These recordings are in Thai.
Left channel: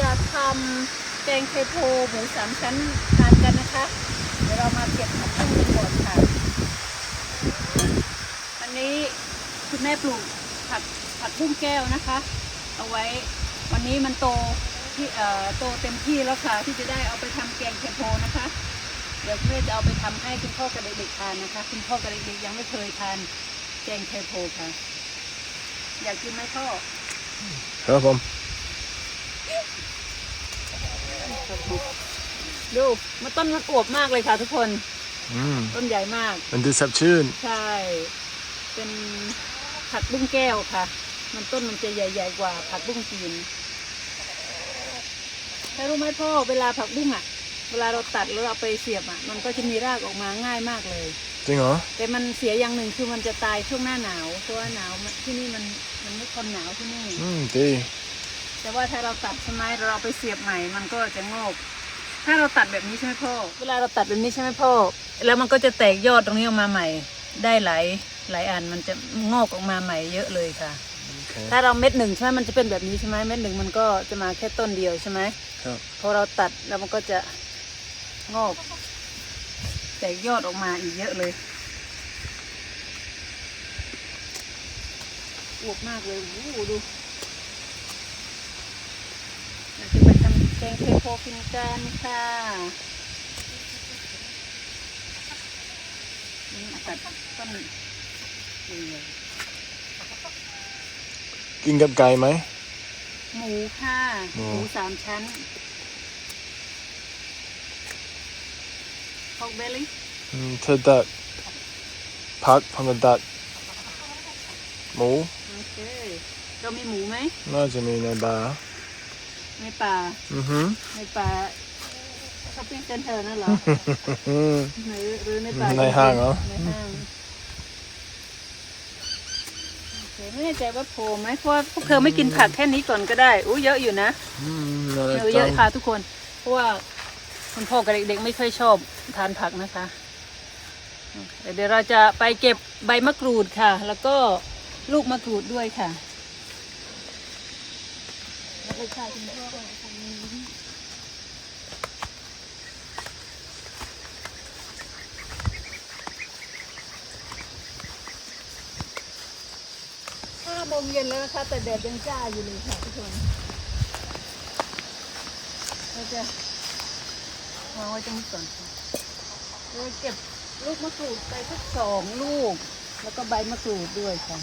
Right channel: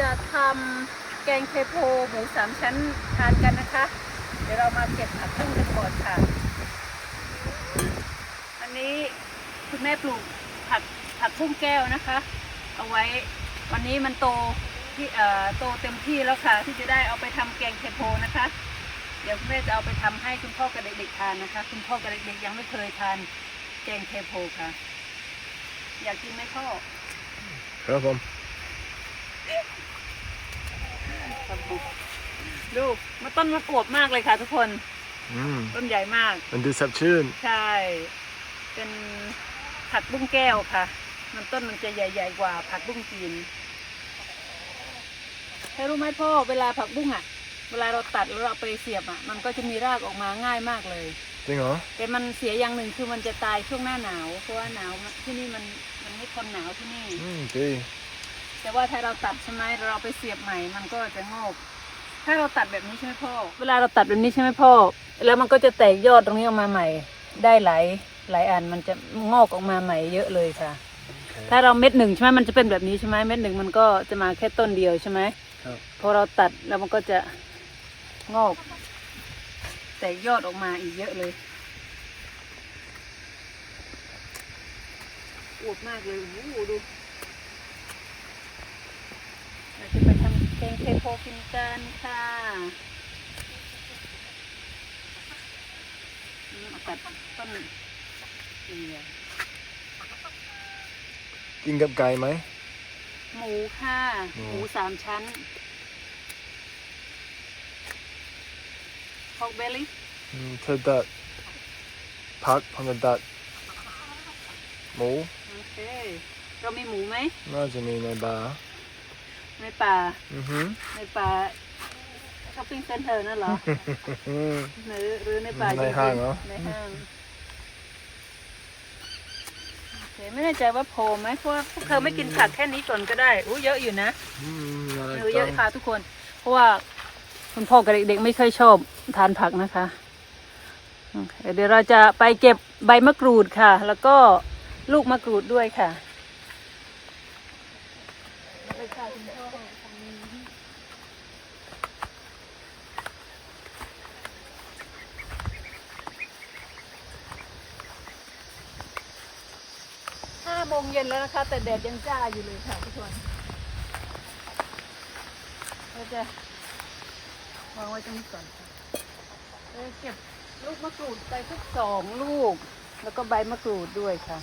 จะทำแกงเทโพหมูสามชั้นทานกันนะคะ เดี๋ยวเรามาเก็บผักบุ้งกันก่อนค่ะ อันนี้คุณแม่ปลูกผักผักบุ้งแก้วนะคะ เอาไว้วันนี้มันโตที่เอ่อโตเต็มที่แล้วค่ะ ที่จะได้เอาไปทำแกงเทโพนะคะ เดี๋ยวคุณแม่จะเอาไปทำให้คุณพ่อกับเด็กๆทานนะคะ คุณพ่อกับเด็กๆยังไม่เคยทานแกงเทโพค่ะ อยากกินไหมพ่อครับผม ดูมาต้นมันอวบมากเลยค่ะทุกคนอืมต้นใหญ่มาก มันดูสดชื่น ใช่ เป็นผักบุ้งแก้วค่ะ มันต้นมันจะใหญ่ ๆ กว่าผักบุ้งจีนถ้ารู้ไหมพ่อเวลาผักบุ้งอะ เวลาเราตัดแล้วเราเอาไปเสียบอะ มันก็จะมีรากออกมาง่ายมากเลย จริงเหรอ แต่มันเสียอย่างหนึ่งคือมันจะตายช่วงหน้าหนาวเพราะว่าหนาวมันที่นี่มันมันไม่ทนหนาวที่นี่ อืมดี แต่ว่าถ้าเราตัดใช่ไหมเราเอาไปเสียบใหม่ มันก็จะงอก ถ้าเราตัดแบบนี้ใช่ไหมพ่อ เวลาเราตัดแบบนี้ใช่ไหมพ่อ แล้วมันก็จะแตกยอดตรงนี้ออกมาใหม่ ได้หลายหลายอันมันจะงอกออกมาใหม่เยอะเลยค่ะโอเคถ้าเราเม็ดหนึ่งใช่ไหมมันจะเป็นแบบนี้ใช่ไหมเม็ดหนึ่งมันก็จะมาแค่ต้นเดียวใช่ไหมครับพอเราตัดแล้วมันก็จะงอก แตกยอดออกมาอีกเยอะเลยอวบมากเลยโอ้โหดู เราจะไปทำแกงเทโพกินกันค่ะนี่เอาตัดต้นเดียวกินกับไก่ไหม หมูค่ะ หมูหมูสามชั้นพอกเบลลี่อืมเธอตัดผักผมจะตัดหมู โอเค เรามีหมูไหม น่าจะมีในบาร์ ในป่าอือหือในป่าช้อปปิ้งเซ็นเตอร์นั่นเหรออืมหรือหรือในป่าในห้างเหรอในห้างโอเคไม่แน่ใจว่าโพไหมเพราะว่าพวกเธอไม่กินผักแค่นี้ก่อนก็ได้อู้เยอะอยู่นะอืมน่ารักเออเยจัอะงค่ะทุกคน เพราะว่าคุณพ่อกับเด็กๆไม่ค่อยชอบทานผักนะคะอืมเดี๋ยวเราจะไปเก็บใบมะกรูดค่ะ แล้วก็ลูกมะกรูดด้วยค่ะ เลยค่ะคุณพ่อทางนี้ห้าโมงเย็นแล้วนะคะ แต่แดดยังจ้าอยู่เลยค่ะทุกคนเราจะวางไว้ตรงนี้ก่อนค่ะเราเก็บลูกมะกรูดไปสักสองลูก แล้วก็ใบมะกรูดด้วยค่ะ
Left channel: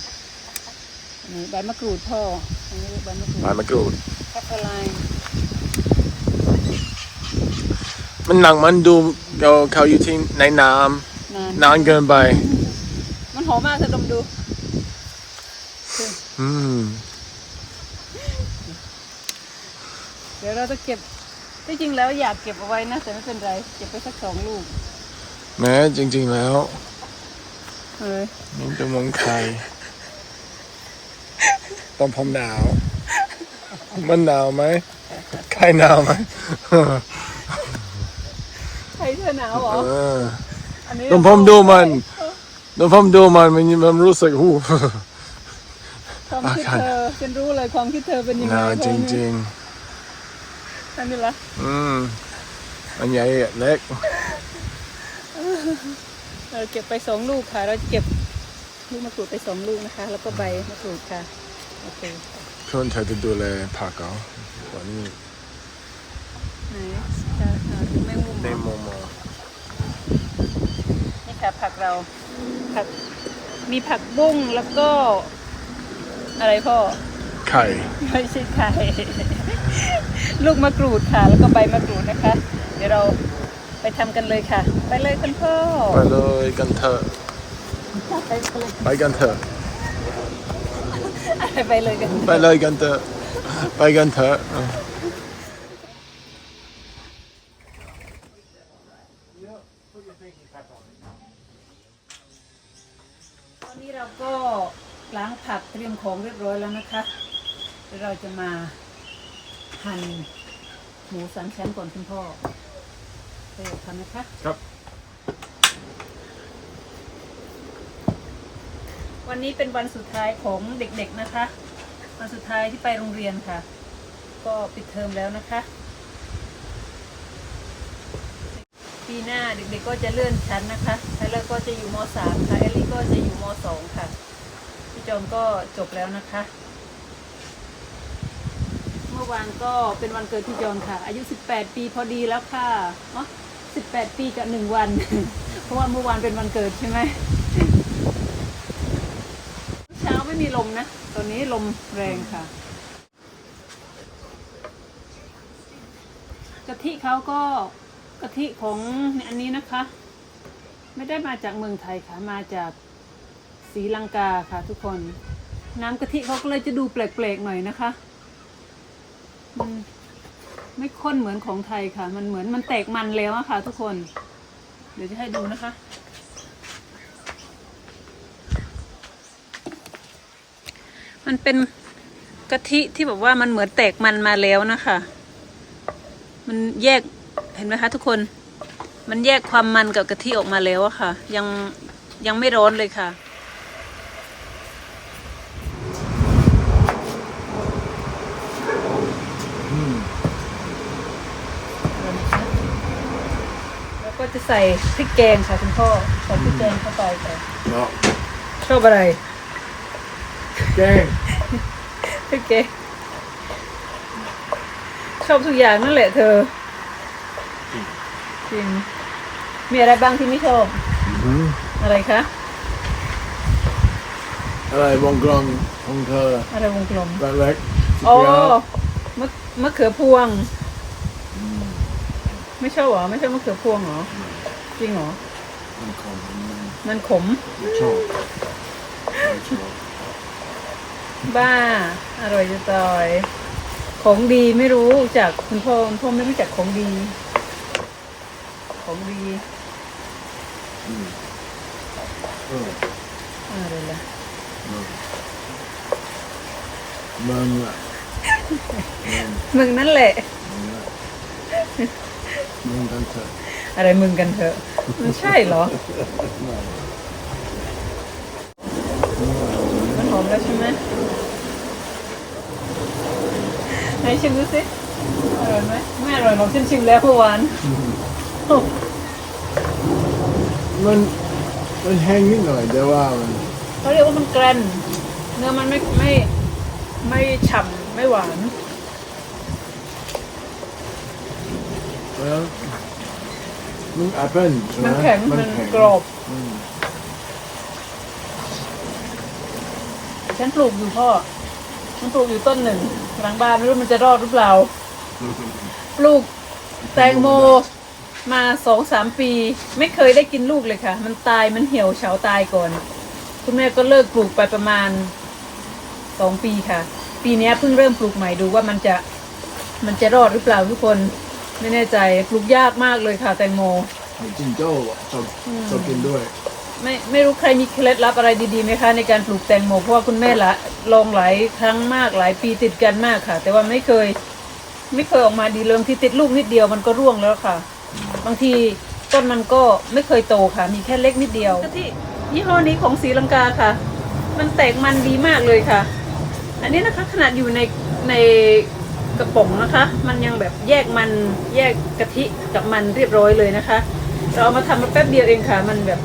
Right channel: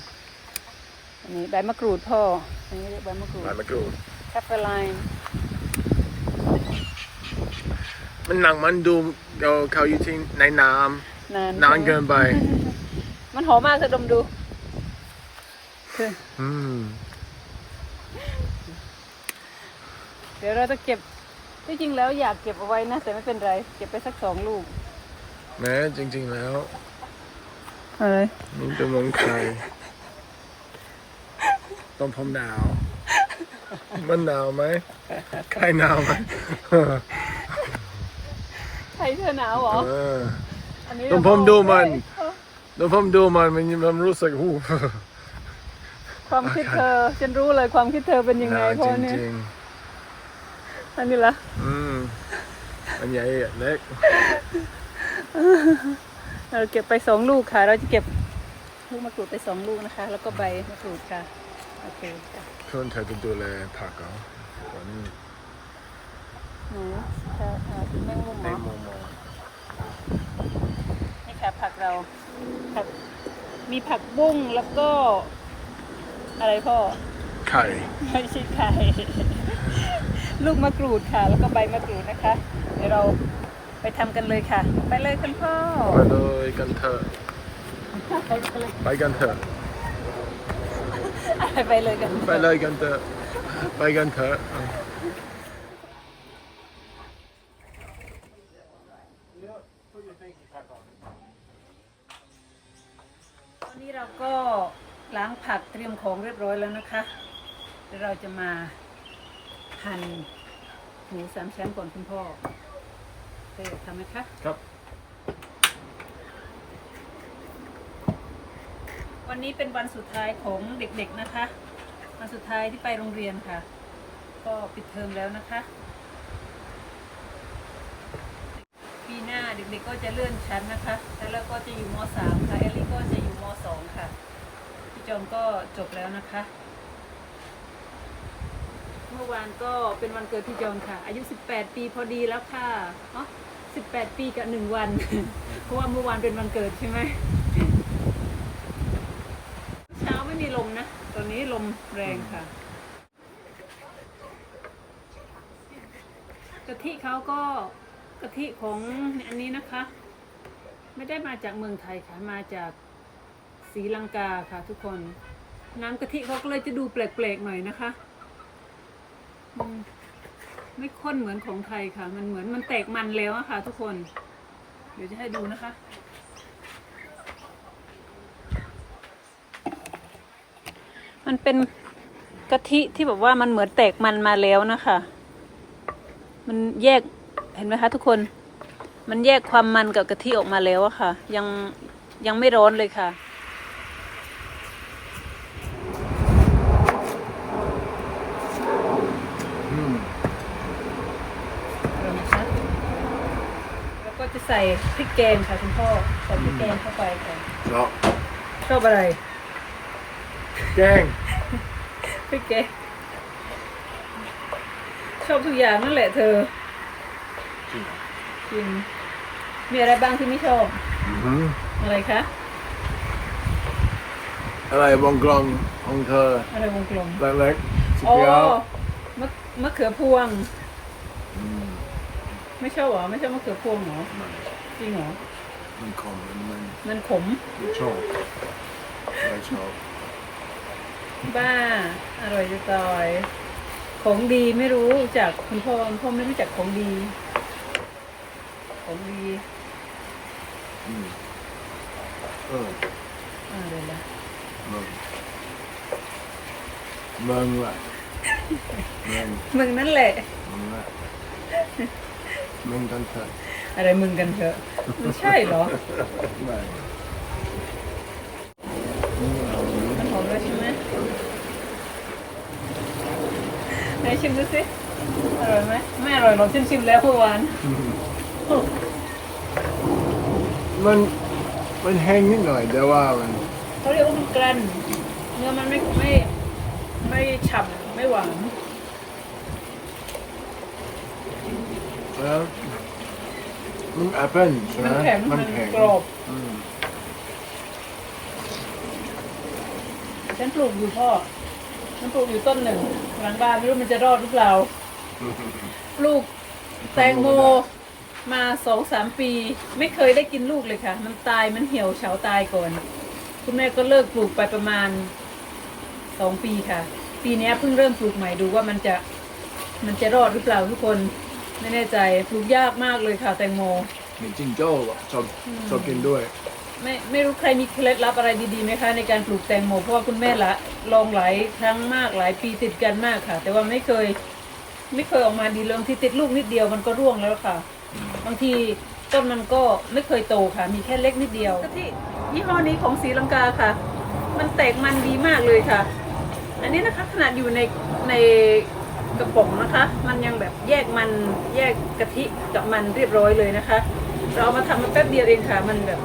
อันนี้ใบมะกรูดพ่ออันนี้เรียกใบมะกรูด มามะกรูด แคปเปอร์ไลน์มันหนังมันดูเราเขาอยู่ที่ในน้นานำนานเกินไป มันหอมมากเธอดมดูคืออืม เดี๋ยวเราจะเก็บที่จริงแล้วอยากเก็บเอาไว้นะ แต่ไม่เป็นไร เก็บไปสักสองลูกแม้จริง ๆ แล้วเฮ้ยนี่เป็นเมืองไทยตอนผมหนาว มันหนาวไหมใครหนาวไหมใครเธอหนาวเหรอเอออันนี้ตอนผมดูมันตอนผมดูมันมันมันรู้สึกหูความคิดเธอฉันรู้เลยความคิดเธอเป็นยังหไงนาวเพจราะเนี่ยริงอันนี้ละๆ อืมอันใหญ่เล็ก เราเก็บไปสองลูกค่ะ เราจะเก็บลูกมะกรูดไปสองลูกนะคะ แล้วก็ใบมะกรูดค่ะ โอเคค่ะ เพื่อนเธอจะดูแลผักเหรอตอนนี้ไหนค่ะค่ะแมงมุมเหในรอมุมมองนี่ค่ะผักเราผักมีผักบุ้งแล้วก็ อะไรพ่อ ไข่ไม่ใช่ไข่ลูกมะกรูดค่ะ แล้วก็ใบมะกรูดนะคะ เดี๋ยวเราไปทำกันเลยค่ะ ไปเลยคุณพ่อ ไปเลยกันเถอะ ไปเลยไปกันเถอะ ไปเลยกัน ไปเลยกันเถอะ ไปกันเถอะเออตอนนี้เราก็ล้างผักเตรียมของเรียบร้อยแล้วนะคะเดี๋ยวเราจะมาหั่นหมูสามชั้นก่อนคุณพ่อเคยทำไหมคะ ครับ วันนี้เป็นวันสุดท้ายของเด็กๆนะคะ วันสุดท้ายที่ไปโรงเรียนค่ะ ก็ปิดเทอมแล้วนะคะ ปีหน้าเด็กๆก็จะเลื่อนชั้นนะคะไทเลอร์ก็จะอยู่ม .3 ค่ะเอลลี่ก็จะอยู่ม .2 ค่ะ พี่จอมก็จบแล้วนะคะ เมื่อวานก็เป็นวันเกิดพี่จอมค่ะ อายุ 18 ปีพอดีแล้วค่ะอ๋อ18 ปีกับหนึ่งวัน เพราะว่าเมื่อวานเป็นวันเกิดใช่ไหม ไม่มีลมนะตอนนี้ลมแรงค่ะกะทิเขาก็กะทิของอันนี้นะคะ ไม่ได้มาจากเมืองไทยค่ะมาจากศรีลังกาค่ะทุกคน น้ำกะทิเขาก็เลยจะดูแปลกๆหน่อยนะคะมันไม่ข้นเหมือนของไทยค่ะ มันเหมือนมันแตกมันแล้วอะค่ะ ทุกคน เดี๋ยวจะให้ดูนะคะ มันเป็นกะทิที่แบบว่ามันเหมือนแตกมันมาแล้วนะคะ มันแยกเห็นไหมคะทุกคน มันแยกความมันกับกะทิออกมาแล้วอะค่ะ ยังยังไม่ร้อนเลยค่ะอืมอะไรนะคะแล้วก็จะใส่พริกแกงค่ะคุณพ่อใส่พริกแกงเข้าไปค่ะเนาะชอบอะไร แกงพริกแกงชอบทุกอย่างนั่นแหละเธอจริง จริงมีอะไรบ้างที่ไม่ชอบ อืมอะไรคะ อะไรวงกลมของเธออะไรวงกลม เล็กๆสีอ๋อเขียวมะมะเขือพวง อืมไม่ชอบเหรอ ไม่ชอบมะเขือพวงเหรอ ไม่จริงเหรอ มันคมมันมันมันขม ไม่ชอบไม่ชอบ บ้า อร่อยจะตายของดีไม่รู้จากคุณพ่อคุณพ่อไม่รู้จักของดี ของดีอืมเอออะไรล่ะมึงมึงล่ะมึงมึงนั่นแหละมึงล่ะมึงกันเถอะอะไรมึงกันเถอะมันใช่เหรอ ไม่มึงเอาไหมมันหอมแล้วใช่ไหมไหนชิมดูสิอร่อยไหมไม่อร่อยหรอกฉันชิมแล้วเมื่อวานมันมันแห้งนิดหน่อยแต่ว่ามันเขาเรียกว่ามันแกรนเนื้อมันไม่ไม่ไม่ฉ่ำไม่หวานแล้วมันแอปเปิ้ลใช่ไหมมันแข็งมันกรอบ อืม ฉันปลูกอยู่พ่อ ฉันปลูกอยู่ต้นหนึ่งหลังบ้านไม่รู้มันจะรอดหรือเปล่า ปลูกแตงโมมาสองสามปี ไม่เคยได้กินลูกเลยค่ะ มันตายมันเหี่ยวเฉาตายก่อน คุณแม่ก็เลิกปลูกไปประมาณสองปีค่ะ ปีเนี้ยเพิ่งเริ่มปลูกใหม่ดูว่ามันจะมันจะรอดหรือเปล่าทุกคนไม่แน่ใจปลูกยากมากเลยค่ะ แตงโมเห็นจิงโจ้ชอบอืมชอบกินด้วย ไม่ไม่รู้ใครมีเคล็ดลับอะไรดีๆไหมคะในการปลูกแตงโมเพราะว่าคุณแม่ละลองหลายครั้งมากหลายปีติดกันมากค่ะ แต่ว่าไม่เคย ไม่เคยออกมาดีเริ่มที่ติดลูกนิดเดียวมันก็ร่วงแล้วค่ะ บางทีต้นมันก็ไม่เคยโตค่ะ มีแค่เล็กนิดเดียวที่ยี่ห้อนี้ของศรีลังกาค่ะ มันแตกมันดีมากเลยค่ะ อันนี้นะคะขนาดอยู่ในในกระป๋องนะคะ มันยังแบบแยกมันแยกกะทิกับมันเรียบร้อยเลยนะคะ เราเอามาทำมาแป๊บเดียวเองค่ะ มันแบบ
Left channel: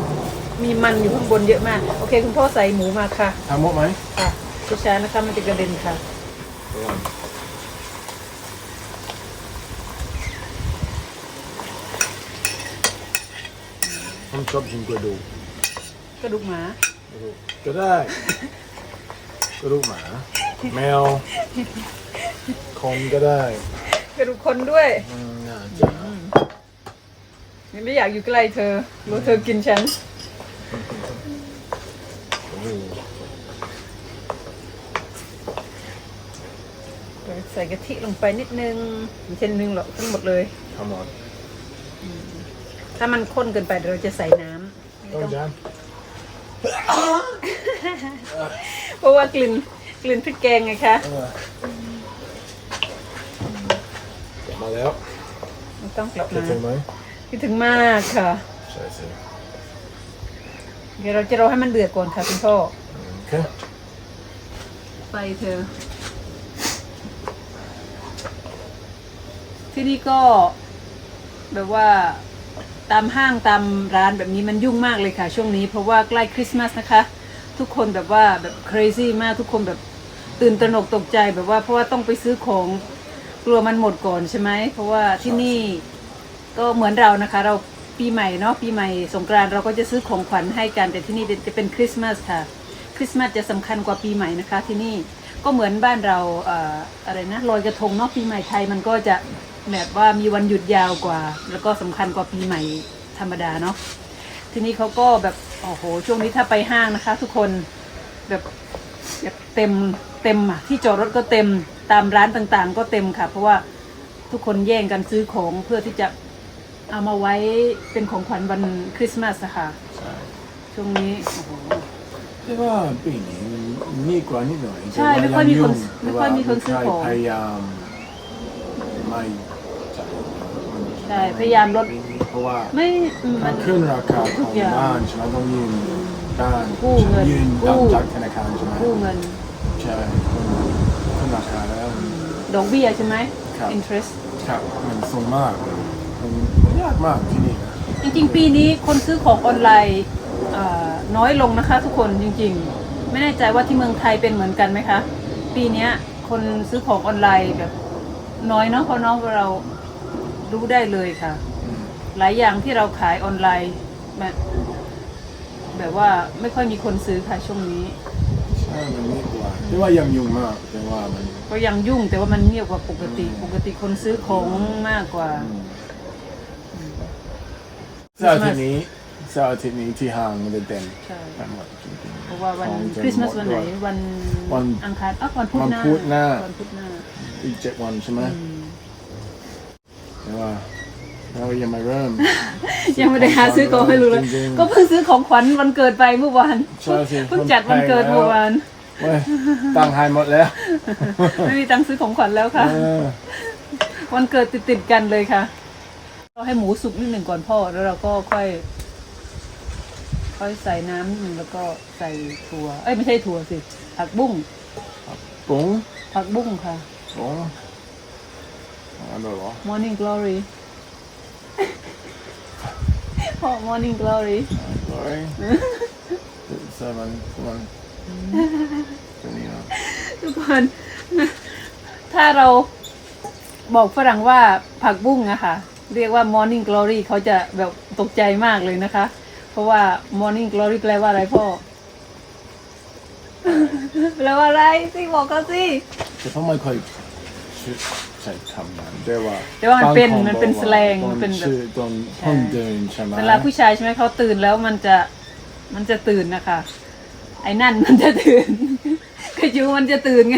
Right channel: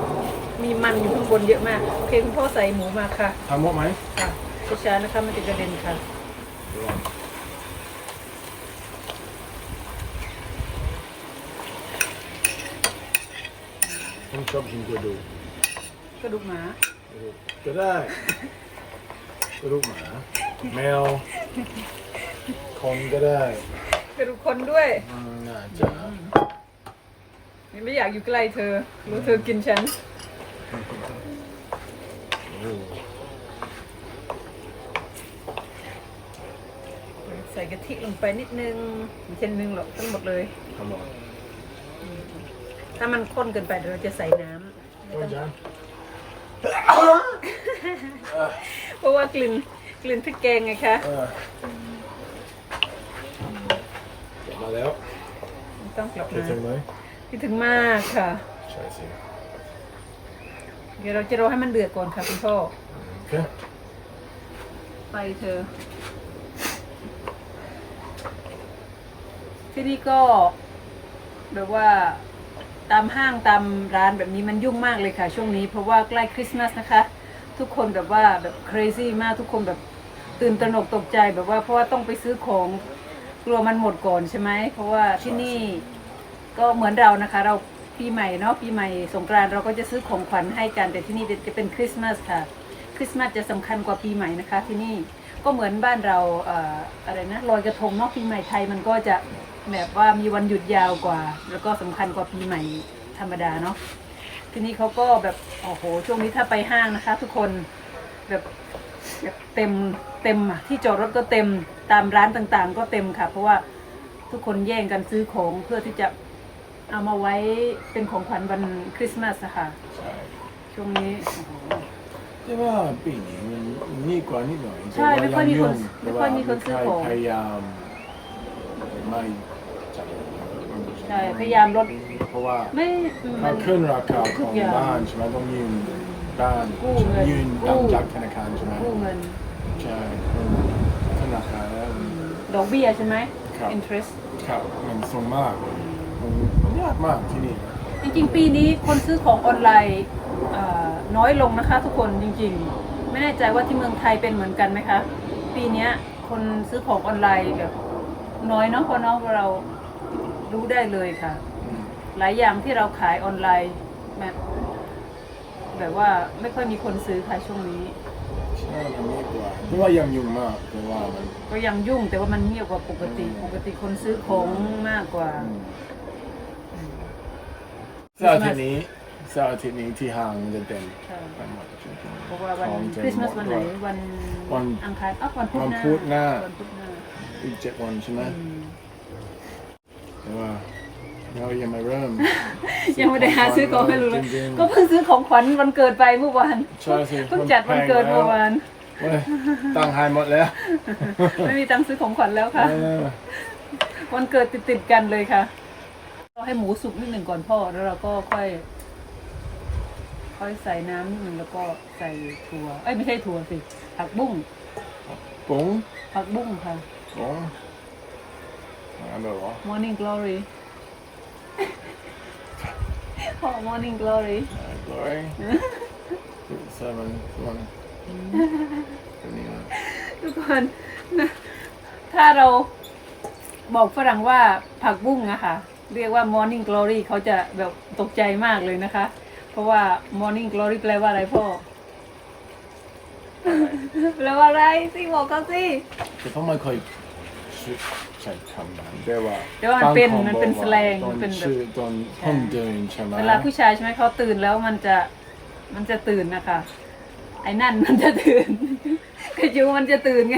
มีมันอยู่ข้างบนเยอะมาก โอเค คุณพ่อใส่หมูมาค่ะ ทำหมดไหมค่ะช้าๆนะคะ มันจะกระเด็นค่ะผมชอบกินกระดูกกระดูกหมา กระดูกก็ได้ กระดูกหมา แมวคนก็ได้กระดูกคนด้วยอืมน่าจะยังไม่อยากอยู่ใกล้เธอรู้เธอกินฉันโอ้โห ใส่กะทิลงไปนิดนึงไม่เช่นนึงหรอกทั้งหมดเลยทำหมดถ้ามันข้นเกินไปเดี๋ยวเราจะใส่น้ำไม่ต้ต้อองงจานเพราะว่ากลิ่นกลิ่นพริกแกงไงคะเออจบมาแล้วไม่ต้องกลับจะถึงมาไหมคิดถึงมากค่ะ ใช่สิ เดี๋ยวเราจะรอให้มันเดือดก่อนค่ะคุณพ่อโอเคไฟเธอที่นี่ก็ แบบว่าตามห้างตามร้านแบบนี้มันยุ่งมากเลยค่ะ ช่วงนี้เพราะว่าใกล้คริสต์มาสนะคะ ทุกคนแบบว่าแบบ crazy มากทุกคนแบบตื่นตระหนกตกใจแบบว่าเพราะว่าต้องไปซื้อของกลัวมันหมดก่อนใช่ไหมเพราะว่าที่นี่ก็เหมือนเรานะคะ เรา ปีใหม่เนาะปีใหม่สงกรานต์เราก็จะซื้อของขวัญให้กันแต่ที่นี่จะเป็นคริสต์มาสค่ะคริสต์มาสจะสำคัญกว่าปีใหม่นะคะ ที่นี่ก็เหมือนบ้านเราเออะไรนะลอยกระทงเนอกปีใหม่ไทยมันก็จะแบบว่ามีวันหยุดยาวกว่า แล้วก็สำคัญกว่าปีใหม่ธรรมดาเนาะที่นี่เขาก็แบบโอ้โหช่วงนี้ถ้าไปห้างนะคะ ทุกคนแบบแบบเต็มเต็มอะที่จอดรถก็เต็มตามร้านต่างๆ ก็เต็มค่ะ เพราะว่าทุกคนแย่งกันซื้อของเพื่อที่จะ เอามาไว้เป็นของขวัญวันคริสต์มาสนะคะใช่ช่วงนี้โอ้โหแต่ว่าปีนี้มันมีกว่านิดหน่อยใช่แต่ว่าไม่ค่อยมีคนงไม่ค่อยมีคนซื้อของแต่ว่าใครพยายามไม่จ่ายเยอะมันใช่พยายามลดเพราะว่าไม่อืมถ้าขึ้นราคาทุขกองอย่างบ้านใช่ไหมต้องยืนบ้านกู้เงินยืนกู้ดำจากธนาคารใช่ไหมกู้เงินใช่ขึ้นขึ้นราคาแล้วดอกเบี้ยใช่ไหมครับ interest ครับมันสูงมากมันยากมากที่นี่นะจริงๆ ปีนี้คนซื้อของออนไลน์เอ่อน้อยลงนะคะ ทุกคนจริงๆ ไม่แน่ใจว่าที่เมืองไทยเป็นเหมือนกันไหมคะ ปีเนี้ยคนซื้อของออนไลน์แบบน้อยเนาะเพราะเนาะเรารู้ได้เลยค่ะ อืมหลายอย่างที่เราขายออนไลน์มันแบบว่าไม่ค่อยมีคนซื้อค่ะช่วงนี้ ใช่มันมีกว่าแต่ว่ายังยุ่งมากแต่ว่ามันก็ยังยุ่งแต่ว่ามันเงียบกว่าปกติอืมปกติคนซื้อของมากกว่า อืม เสาร์อาทิตย์นี้เสาร์อาทิตย์นี้ที่ห้างมันจะเต็มใช่ ไปหมดจริงๆเพราะว่าวันของจะคริสต์มาสหวันดไหนด้วย วันวันอังคารอะวันพุธวันหน้าพุธหน้า วันพุธหน้าอีกเจ็ดวันใช่ไหมอืมแต่ว่าเรายังไม่เริ่ม ยังไม่ได้หาซื้อของให้รู้เลยจริงๆ ก็เพิ่งซื้อของขวัญวันเกิดไปเมื่อวานใช่สิเพิ่งจัดวันเกิดมันแพงแล้วเมื่อวานเว้ยตังค์หายหมดแล้วไม่มีตังค์ซื้อของขวัญแล้วค่ะ เออวันเกิดติดติดๆกันเลยค่ะ เราให้หมูสุกนิดหนึ่งก่อนพ่อแล้วเราก็ค่อย ค่อยใส่น้ำนิดหนึ่งแล้วก็ใส่ถั่ว เอ้ยไม่ใช่ถั่วสิผักบุ้งปุ๋งผักบุ้งค่ะปุ๋งอะไรแบบว่า Morning Glory พ่อ Morning Glory กลอยเซอร์มันมันเป็นยังไงทุกคนถ้าเราบอกฝรั่งว่าผักบุ้งนะคะ เรียกว่า Morning Glory เขาจะแบบตกใจมากเลยนะคะ เพราะว่า Morning Glory แปลว่าอะไรพ่อ แปลว่าอะไรสิบอกเขาสิแต่พ่อไม่ค่อยใช้คำนั้นแต่ว่าแต่ว่ามันเป็นบางคมันเป็นบอกว่าสแลงตอนมันเป็นแบบ ชื่อตอนพ่นเดินใช่ไหมเวลาผู้ชายใช่ไหมเขาตื่นแล้วมันจะมันจะตื่นนะคะไอ้นั่นมันจะตื่นพี่จูมันจะตื่นไง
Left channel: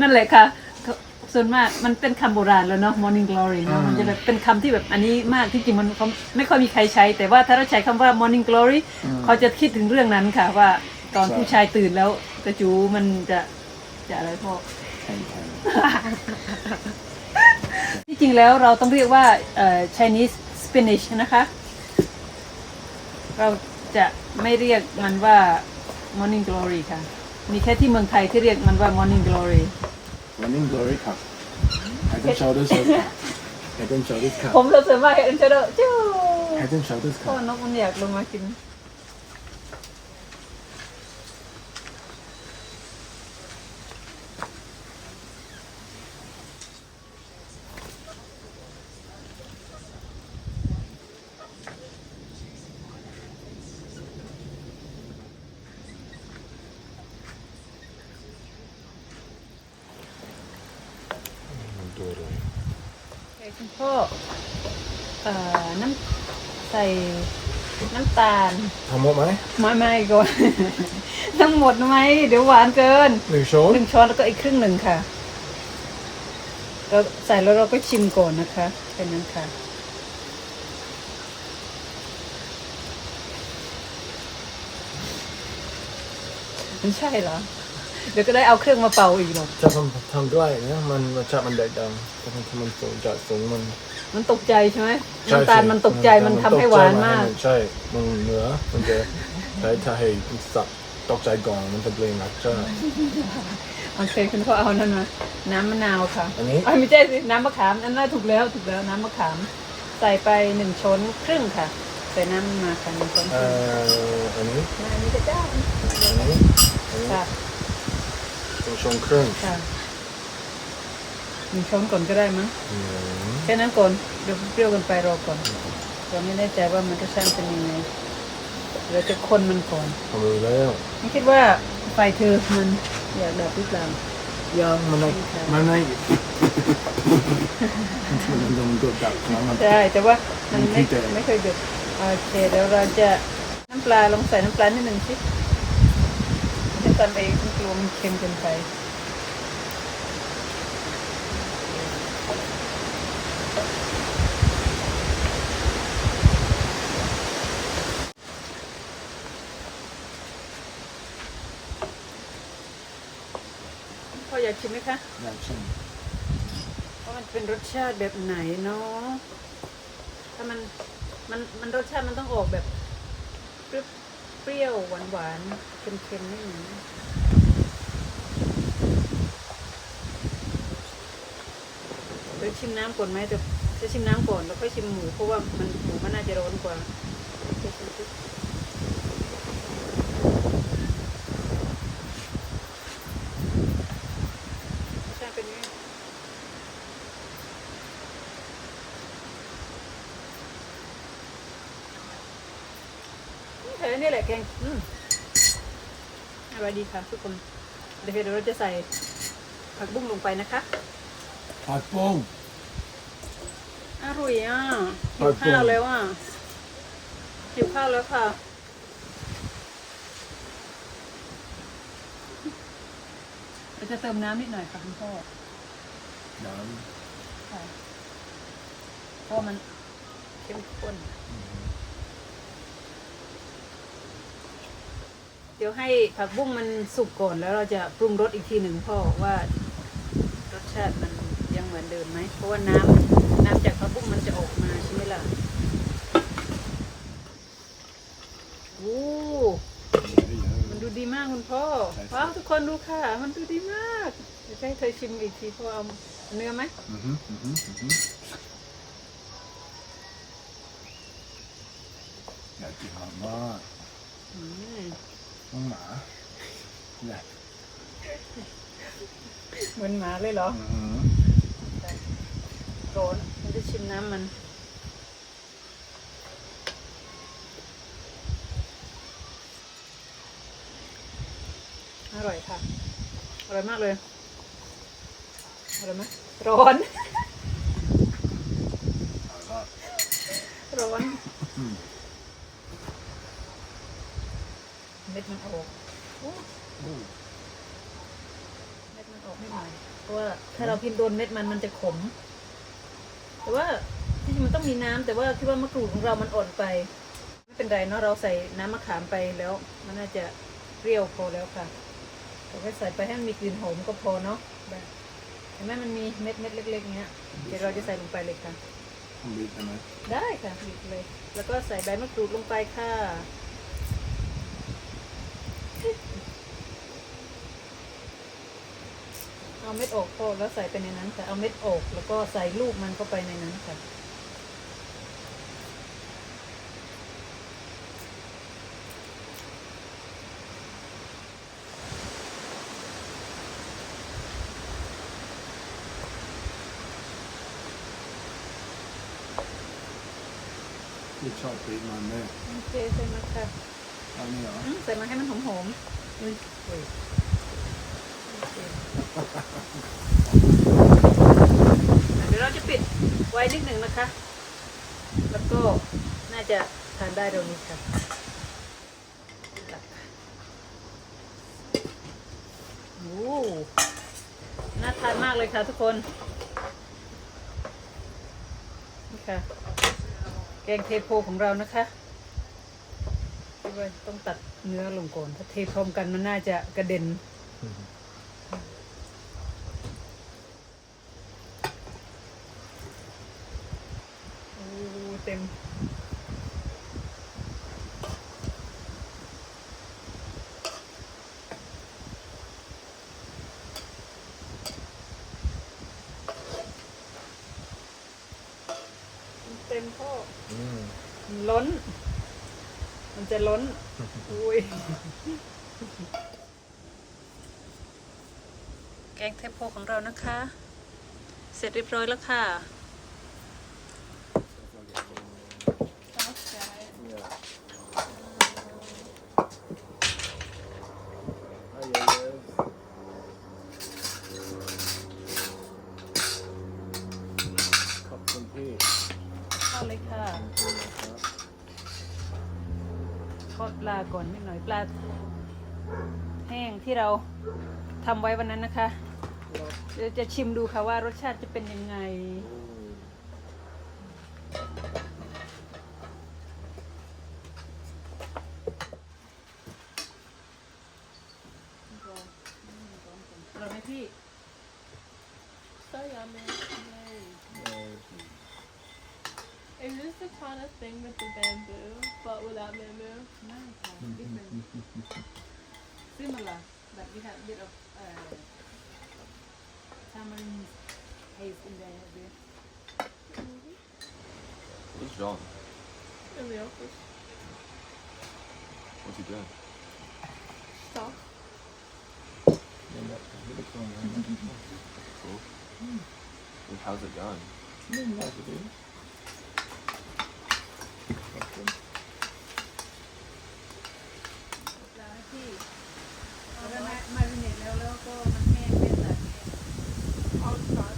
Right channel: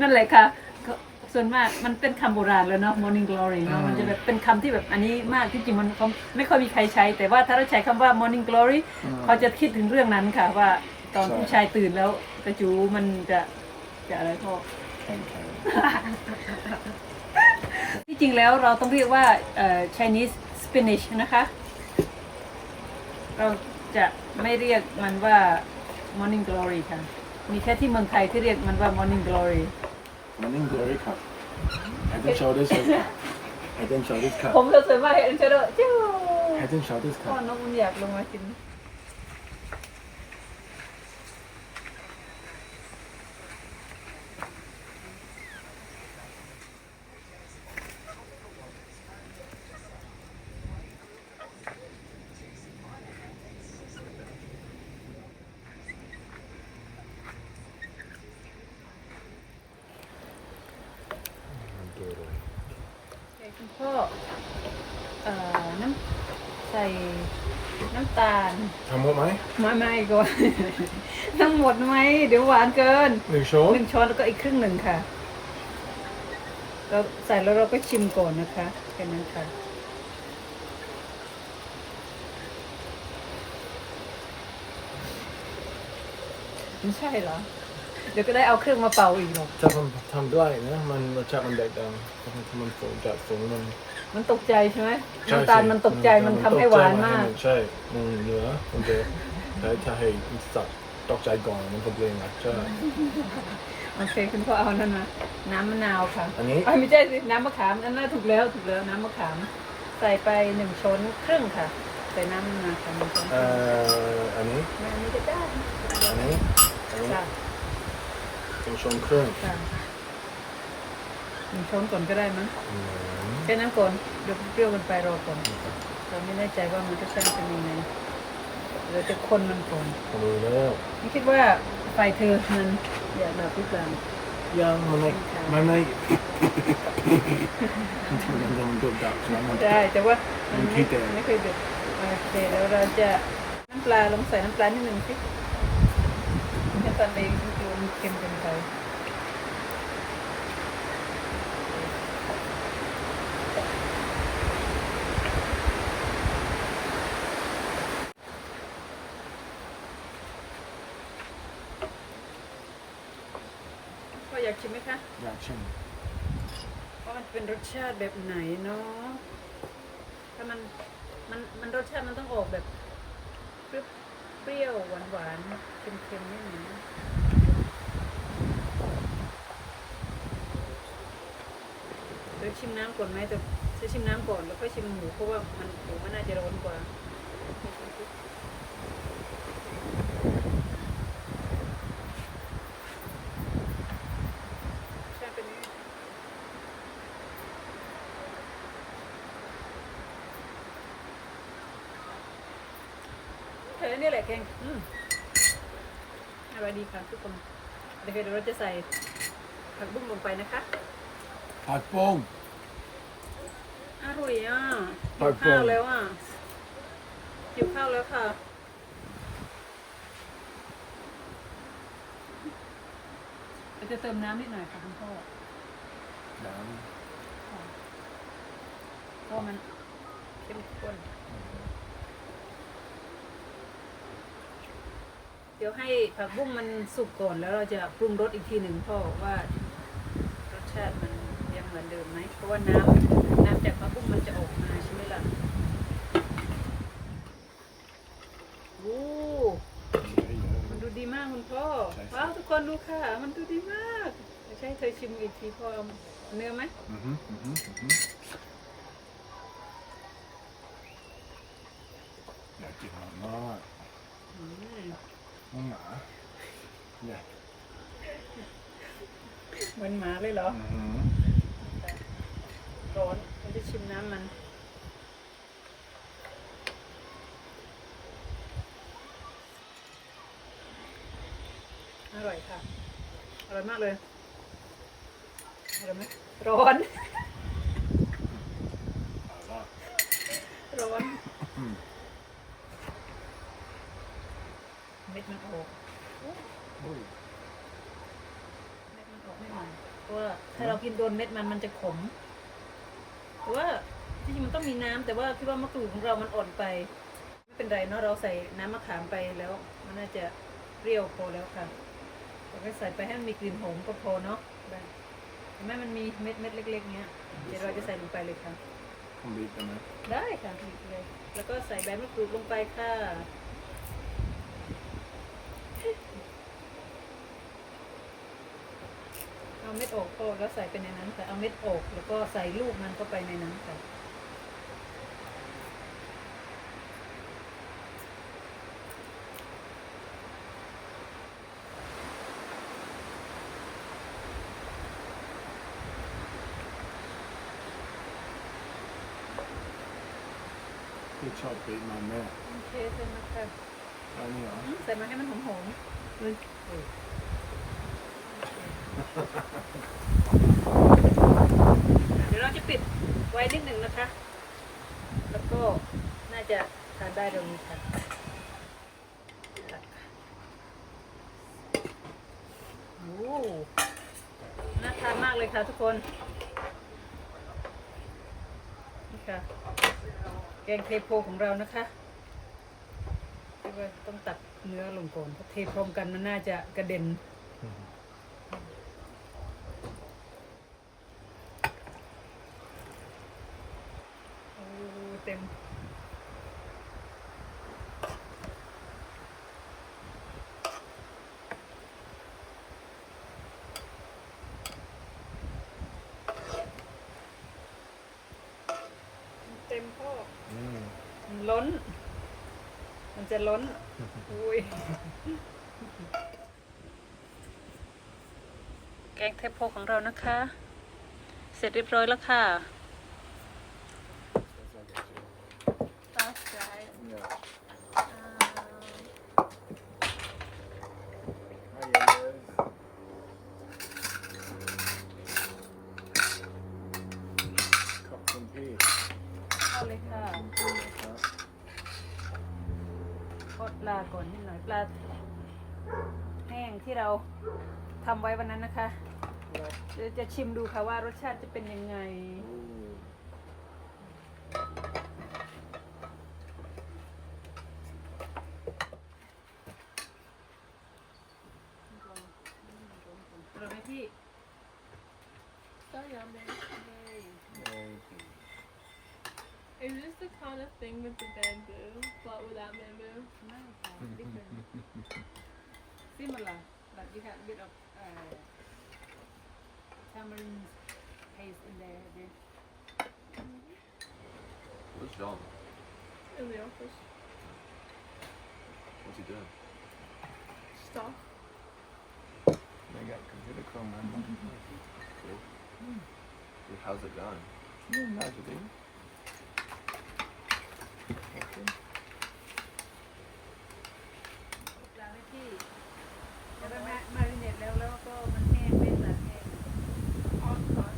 นั่นแหละค่ะ ส่วนมากมันเป็นคำโบราณแล้วเนาะ morning glory เนอะมันจะแบบเป็นคำที่แบบอันนี้มากที่จริงมันเขาไม่ค่อยมีใครใช้ แต่ว่าถ้าเราใช้คำว่า morning glory เขาจะคิดถึงเรื่องนั้นค่ะว่าตอนผู้ชายตื่นแล้วกระจูมันจะจะอะไรพ่อแข็งแข็งที่จริงแล้วเราต้องเรียกว่าเอ่อ Chinese spinach นะคะ เราจะไม่เรียกมันว่า morning glory ค่ะ มีแค่ที่เมืองไทยที่เรียกมันว่า morning glory วันนี้ glory ครับ head and shoulders ครับ head and shoulders ครับผมเราสามารถเห็นเชโดจิ้ว head and shoulders คพ่รัอบนกมันอยากลงมากินมัน คุณพ่อเอ่อน้ำใส่น้ำตาลทำหมดไหมไม่ไม่ก่อน ทั้งหมดไหมเดี๋ยวหวานเกินหนึ่งช้อนหนึ่งช้อนแล้วก็อีกครึ่งหนึ่งค่ะเราใส่แล้วเราก็ชิมก่อนนะคะแค่นั้นค่ะไม่ใช่เหรอ เดี๋ยวก็ได้เอาเครื่องมาเป่าอีกหรอกถ้าทำทำใกล้นะมันรสชาติมันแตกต่างถ้าทำทำมันสูงจากสูงมันมันตกใจใช่ไหมใช่น้ำตาลสิมันตกใจมันทำให้หวานมากนใช่มันเหนือมันจะใช้ถ้าให้สัตว์ตกใจก่อนมันจะเปลี่ยนรสชาติโอเคคุณพ่อเอานั่นมาน้ำมะนาวค่ะอันนี้อ่าไม่ใช่สิน้ำมะขามนั่นน่าถูกแล้วถูกแล้วน้ำมะขาม ใส่ไปหนึ่งช้อนครึ่งค่ะใส่น้ำมันมาค่ะหนึ่งช้อนคเอ่รึ่งออันนี้มาอันนี้ก็ได้อันนี้อันนี้ ค่ะ ตรงชงครึ่งค่ะหนึ่งช้อนก่อนก็ได้มั้งอืมแค่นั้นก่อนเดี๋ยวเปรี้ยวกันไปรอก่อนเราไม่แน่ใจว่ามันจะช่างเป็นยังไงเราจะคนมันก่อนทำรู้แล้วไม่คิดว่าไฟเธอมันอยากดับหรือเปล่ายังมันไม่มันไม่มันจะมันกดดับแล้วมันใช่แต่ว่ามันมันไม่ขี้แตก ไม่เคยเด็ดโอเคเดี๋ยวเราจะน้ำปลาลองใส่น้ำปลานิดหนึ่งสิ ไม่ให้ตันเองฉันกลัวมันเค็มเกินไปพ่ออยากชิมไหมคะ อยากชิมว่ามันเป็นรสชาติแบบไหนเนาะถ้ามันมันมันรสชาติมันต้องออกแบบเปรี้ยว เปรี้ยวหวานหวานเค็มๆนิดนึ่งเดี๋ยวชิมน้ำก่อนไหมจะจะชิมน้ำก่อนแล้วค่อยชิมหมูเพราะว่ามันหมูมันน่าจะร้อนกว่าเดี๋ยวชิมสิรสชาติเป็นไง เออนี่แหละแกงอืม อร่อยดีค่ะทุกคนเดี๋ยวเดี๋ยวเราจะใส่ผักบุ้งลงไปนะคะ ผัดโป้ง อร่อยอะผัหิวกบุ้งข้าวแล้วอะหิวข้าวแล้วค่ะเดี๋ยวจะเติมน้ำนิดหน่อยค่ะคุณพ่อน้ค่ะเพราะว่ามันเข้มข้น เดี๋ยวให้ผักบุ้งมันสุกก่อนแล้วเราจะปรุงรสอีกทีหนึ่งพ่อว่ารสชาติมันยังเหมือนเดิมไหมเพราะว่าน้ำน้ำจากผักบุ้งมันจะออกมาใช่ไหมล่ะโอ้ำมันดูดีมากคุณพ่อว้าวทุกคนดูค่ะ มันดูดีมากเดี๋ยวให้เคยชิมอีกทีพ่อเอาเนื้อไหมอือฮึอือฮึอือฮึอยากกินมากมากอืม น้องหมาเนี่ยเหมือนหมาเลยเหรอ อือฮึร้อนมันได้ชิมน้ำมัน อร่อยค่ะ อร่อยมากเลย อร่อยไหมร้อนเอาละร้อน อืม เม็ดมันออกโอ้โอ้เม็ดมันออกไม่หน่อยเพราะว่าถ้าเรากินโดนเม็ดมันมันจะขม แต่ว่าที่จริงมันต้องมีน้ำแต่ว่าคิดว่ามะกรูดของเรามันอ่อนไป ไม่เป็นไรเนาะเราใส่น้ำมะขามไปแล้ว มันน่าจะเปรี้ยวพอแล้วค่ะเราก็ใส่ไปให้มันมีกลิ่นหอมก็พอเนาะแบบเห็นไหมมันมีเม็ดเม็ดเล็ก ๆ เงี้ยเดี๋ยวเราจะใส่ลงไปเลยค่ะผมบีบได้ไหมได้ค่ะบีบเลย แล้วก็ใส่ใบมะกรูดลงไปค่ะ เอาเม็ดออกพอแล้วใส่ไปในนั้นค่ะ เอาเม็ดออกแล้วก็ใส่ลูกมันเข้าไปในนั้นค่ะที่ชอบบีบมันแม่โอเคใส่มาค่ะเอานี่เหรออืมใส่มาให้มันหอมเฮ้ยๆเออโอเค เดี๋ยวเราจะปิดไว้นิดหนึ่งนะคะ แล้วก็น่าจะทานได้เร็วนี้ค่ะโอ้น่าทานมากเลยค่ะทุกคน นี่ค่ะแกงเทโพของเรานะคะต้องตัดเนื้อลงก่อน ถ้าเทพร้อมกันมันน่าจะกระเด็น มเต็มพ่อมันล้น มันจะล้น อุ้ย แกงเทปโพของเรานะคะ เสร็จเรียบร้อยแล้วค่ะ ข้าเลยค่ะขอบคุณนะครับทอดปลาก่อนนิดหน่อยปลาแห้งที่เราทำไว้วันนั้นนะคะ เดี๋ยวจะชิมดูค่ะว่ารสชาติจะเป็นยังไง อร่อยไหมพี่ So yummy. เอ่อ Is this the kind of thing with the bamboo, but without bamboo? ไม่ค่ะ different similar but we have a bit of uh, tamarind paste in there a bit What's wrong? In the office. What's he doing? Stop. ยังไงก็ไม่ได้เครื่องมือ Well, how's it going? นี่น่าจะดีขอบคุณ ปลาไหมพี่แต่ว่ามามาริเนตแล้วแล้วก็มันแห้งเป็นแบบแห้ง I'll try.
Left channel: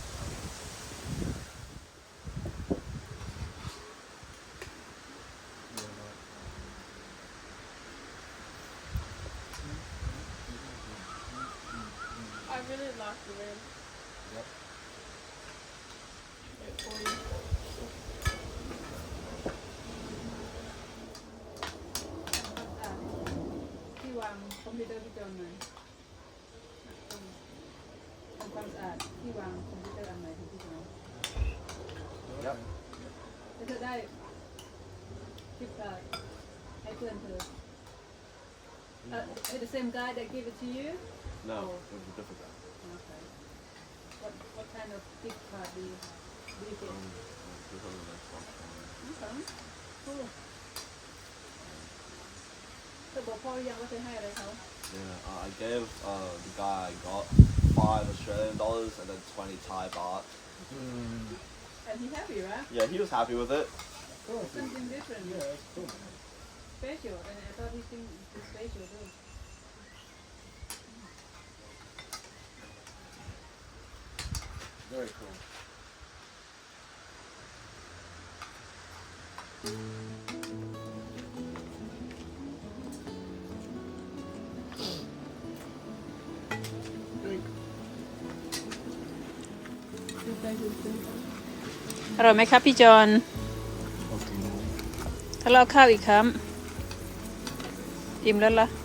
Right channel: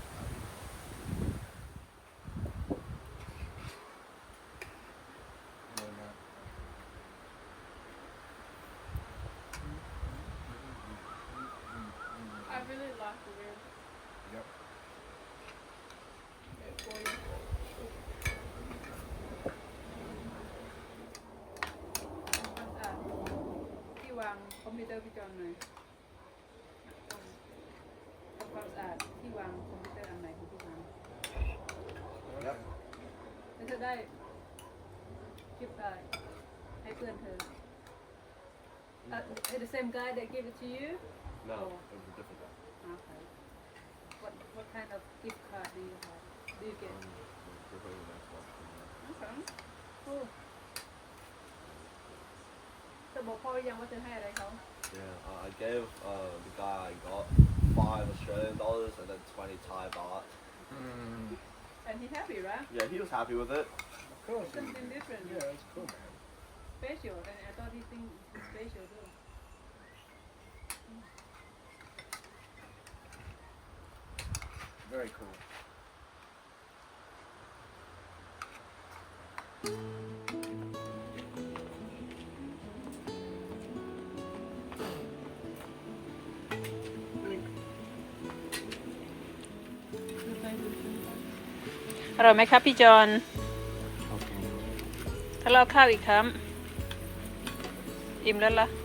I really like the lid. Yep. Wait for you. อะที่วางคอม พิวเตอร์พี่จอนหน่อยทำความสะอาดที่วางคอมพิวเตอร์อันไหนของพี่จอน Yep. แล้วเธอได้คลิปได้ให้เพื่อนเธอ Uh, the same guy that gave it to you? No, Oh. it was a different guy. Okay. What what kind of gift card do you have? Do you get? Um, we'll tell you next one. Okay. Cool. เธอบอกพ่อหรือยังว่าเธอให้อะไรเขา Yeah, uh, I gave uh, the guy I got five Australian dollars and then twenty Thai baht. Mm, And he happy, right? Yeah, he was happy with it. of course. Something different. Yeah, it's cool, man. Special. And I thought he think it's special too. Very cool. อร่อยไหมครับพี่จอนถ้าเราข้าวอีกคำอิ่มแล้วล่ะ Yeah, yeah, yeah.